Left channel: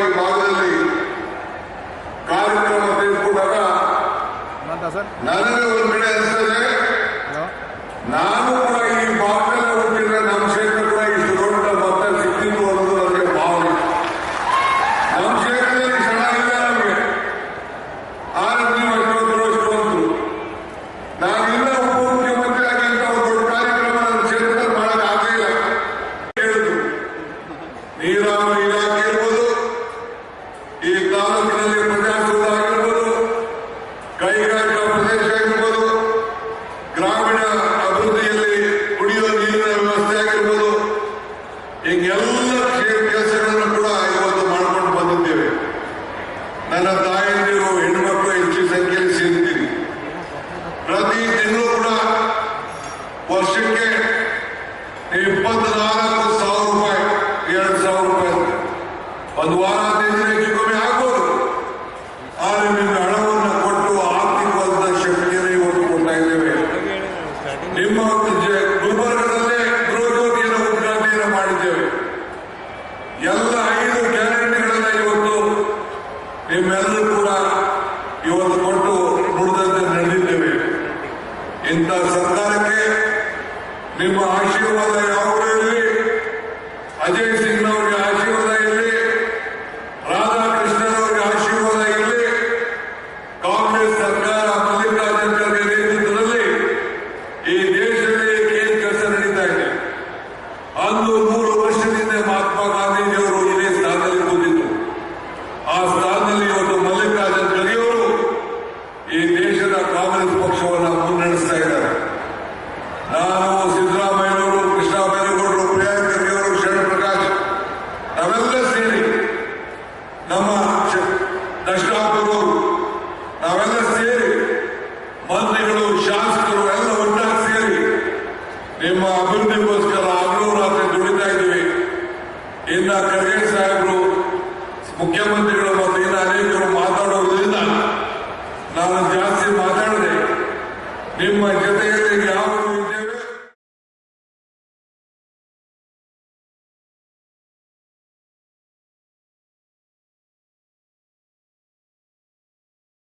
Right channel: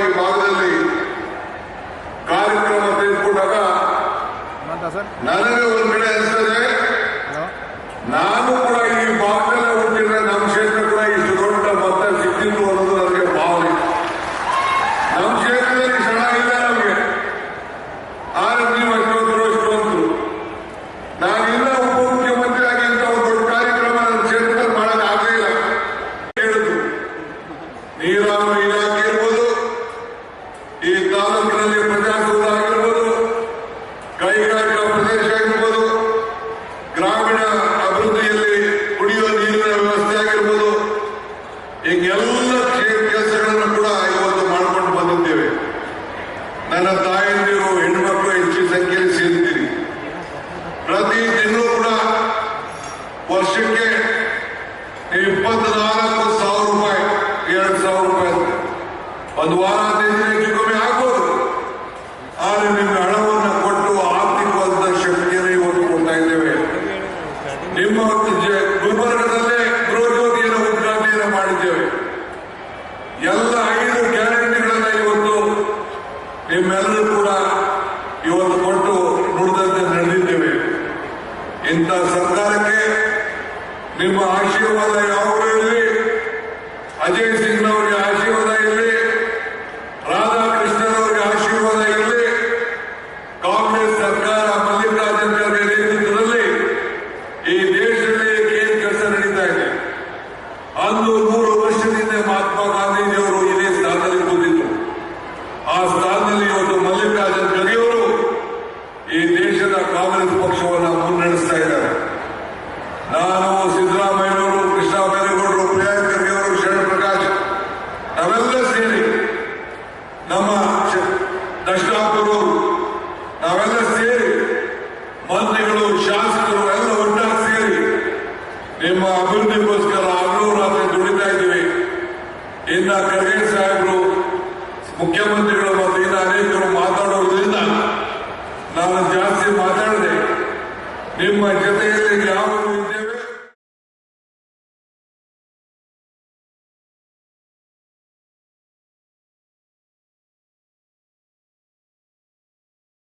ಈ ಭಾಗದಲ್ಲಿ ಕಾರ್ಯಕ್ರಮ ತೆಗೆದುಕೊಂಡಾಗ ನನಗೆ ಒಂದ್ ಕಡೆ ಅನಿಸ್ತದೆ, ನಾನು ಕೂಡ ಈ ಭಾಗದಲ್ಲಿ ಹುಟ್ಟಿದ್ರೆ ನಮ್ಮ ಕ್ಷೇತ್ರ ಕೂಡ ಇಷ್ಟು ದೊಡ್ಡ ಮತ ಸಿಕ್ಕಿತ್ತು ಅನ್ನೋದು ನನಗೆ ಭಾವನೆ. ನಮ್ಮ ಕ್ಷೇತ್ರದಲ್ಲಿ ಚೆನ್ನಾಗಿಲ್ಲ ನಮಗೆ, ಆದ್ರೆ ನೀವು ಅಷ್ಟೊಂದು ನಾನಿಲ್ಲ ಉಪಮುಖ್ಯಮಂತ್ರಿ ಆಗಿ ಅಂತ ಒಂದು ದೊಡ್ಡ ಕಾರ್ಯಕ್ರಮ ನನ್ನ ಕ್ಷೇತ್ರದಲ್ಲಿ ಮಾಡಕ್ ಆಗಲಿಲ್ಲ. ಹೇಳಿದ್ರು ನೀರಾವರಿ ಇಲಾಖೆ ಇರ್ಬೋದು, ಈ ತಾಲೂಕಿನಲ್ಲಿ ಪ್ರಜಾಸೌಧ ಆಗಿರ್ಬೋದು, ಕೈಗಾರಿಕಾ ಪ್ರದೇಶ ಆಗಿರ್ಬೋದು, ಗ್ರಾಮೀಣ ಅಭಿವೃದ್ಧಿಯಲ್ಲಿ ಕುಡಿಯುವ ನೀರಿನ ವ್ಯವಸ್ಥೆ ಆಗಿರ್ಬೋದು, ಹೀಗೆಲ್ಲ ಕೆಲಸಗಳನ್ನು ಕೂಡ ಇವತ್ತು ಮಾಡ್ಕೊಂಡು ಬಂದಿದ್ದೇವೆ. ನನ್ನ ತಾಯಂದಿರು ಹೆಣ್ಮಕ್ಳು ಹೆಚ್ಚಿನ ಸಂಖ್ಯೆಯಲ್ಲಿ ಸೇರಿದ್ದೀರಿ. ಪ್ರತಿ ತಿಂಗಳು ಕೂಡ ವರ್ಷಕ್ಕೆ 24,000 ರೂಪಾಯಿ, 2,000 ರೂಪಾಯಿ ಒಂದು ವಾರ ಹೆಚ್ಚು ಕಮ್ಮಿ ಆಗ್ಬೋದು. ಆದರೆ ನಿಮ್ಗೆ ಹಣವನ್ನು ಕೊಟ್ಟು ಆರ್ಥಿಕವಾದ ಶಕ್ತಿಯನ್ನು ಇವತ್ತು ಕೊಡ್ತಾ ಇದ್ದೇವೆ. ನಿಮ್ಮ ಗುಲ್ಬರ್ಗದಲ್ಲೇ ಗೃಹಜ್ಯೋತಿಯನ್ನು ಉದ್ಘಾಟನೆಯನ್ನು ಮಾಡಿದ್ದೇವೆ. ಎಲ್ಲ 5 ಗ್ಯಾರಂಟಿಗಳನ್ನ ಇವತ್ತು ನಿಮ್ಮೆಲ್ಲರೂ ಕೂಡ ಇವತ್ತು ಕೊಟ್ಟು ನುಡಿದಂತೆ ನಡೆದಿದ್ದೇವೆ. ಇಂಥ ಸರ್ಕಾರಕ್ಕೆ ನಿಮ್ಮ ಆಶೀರ್ವಾದ ಯಾವಾಗಲೂ ಇರಲಿ. ಅಜಯ್ ಸಿಂಗ್ ಅವರಿಗೆ ಆಶೀರ್ವಾದ ಇರಲಿ, ರಾಧಾಕೃಷ್ಣನವರಿಗೆ ಆಶೀರ್ವಾದ ಇರಲಿ. ಕಾಂಗ್ರೆಸ್ ಸರ್ಕಾರ ಮಲ್ಲಿಕಾರ್ಜುನ ಖರ್ಗೆ ನೇತೃತ್ವದಲ್ಲಿ ಈ ದೇಶದಲ್ಲಿ ಏನ್ ಕೆಲಸ ನಡೀತಾ ಇದೆ. ಅಂದು 100 ವರ್ಷದಿಂದ ಮಹಾತ್ಮ ಗಾಂಧೀಜಿಯವರು ಇದೇ ಸ್ಥಾನದಲ್ಲಿ ಕೂತಿದ್ರು. ಆ ಸ್ಥಾನದಲ್ಲಿ ಇವತ್ತು ಮಲ್ಲಿಕಾರ್ಜುನ ಖರ್ಗೆಯವರು ಈ ದೇಶದ ಕಾಂಗ್ರೆಸ್ ಪಕ್ಷವನ್ನು ಮುನ್ನಡೆಸ್ತಾ ಇದ್ದಾರೆ. ನಾನು, ಸಿದ್ದರಾಮಯ್ಯನವರು, ಕೃಷ್ಣ ಬೈರೇಗೌಡರು, ಪ್ರಿಯಾಂಕ್ ಖರ್ಗೆ ಅವರು, ಶರಣ್ ಪ್ರಕಾಶ್ ನಾವೆಲ್ಲ ಸೇರಿ, ನಮ್ಮ ದರ್ಶನಾಪುರವರು ನಾವೆಲ್ಲ ಸೇರಿ, ಮಂತ್ರಿಗಳು, ಶಾಸಕರು ಎಲ್ಲ ಒಟ್ಟಾಗಿ ಸೇರಿ ನಿಮ್ಮ ಅಭಿವೃದ್ಧಿಗೋಸ್ಕರ ಹಗಲು ರಾತ್ರಿ ದುಡಿತಾ ಇದ್ದೀವಿ. ಇನ್ನ ಖರ್ಗೆ ಸಾಹೇಬರು ಮುಖ್ಯಮಂತ್ರಿ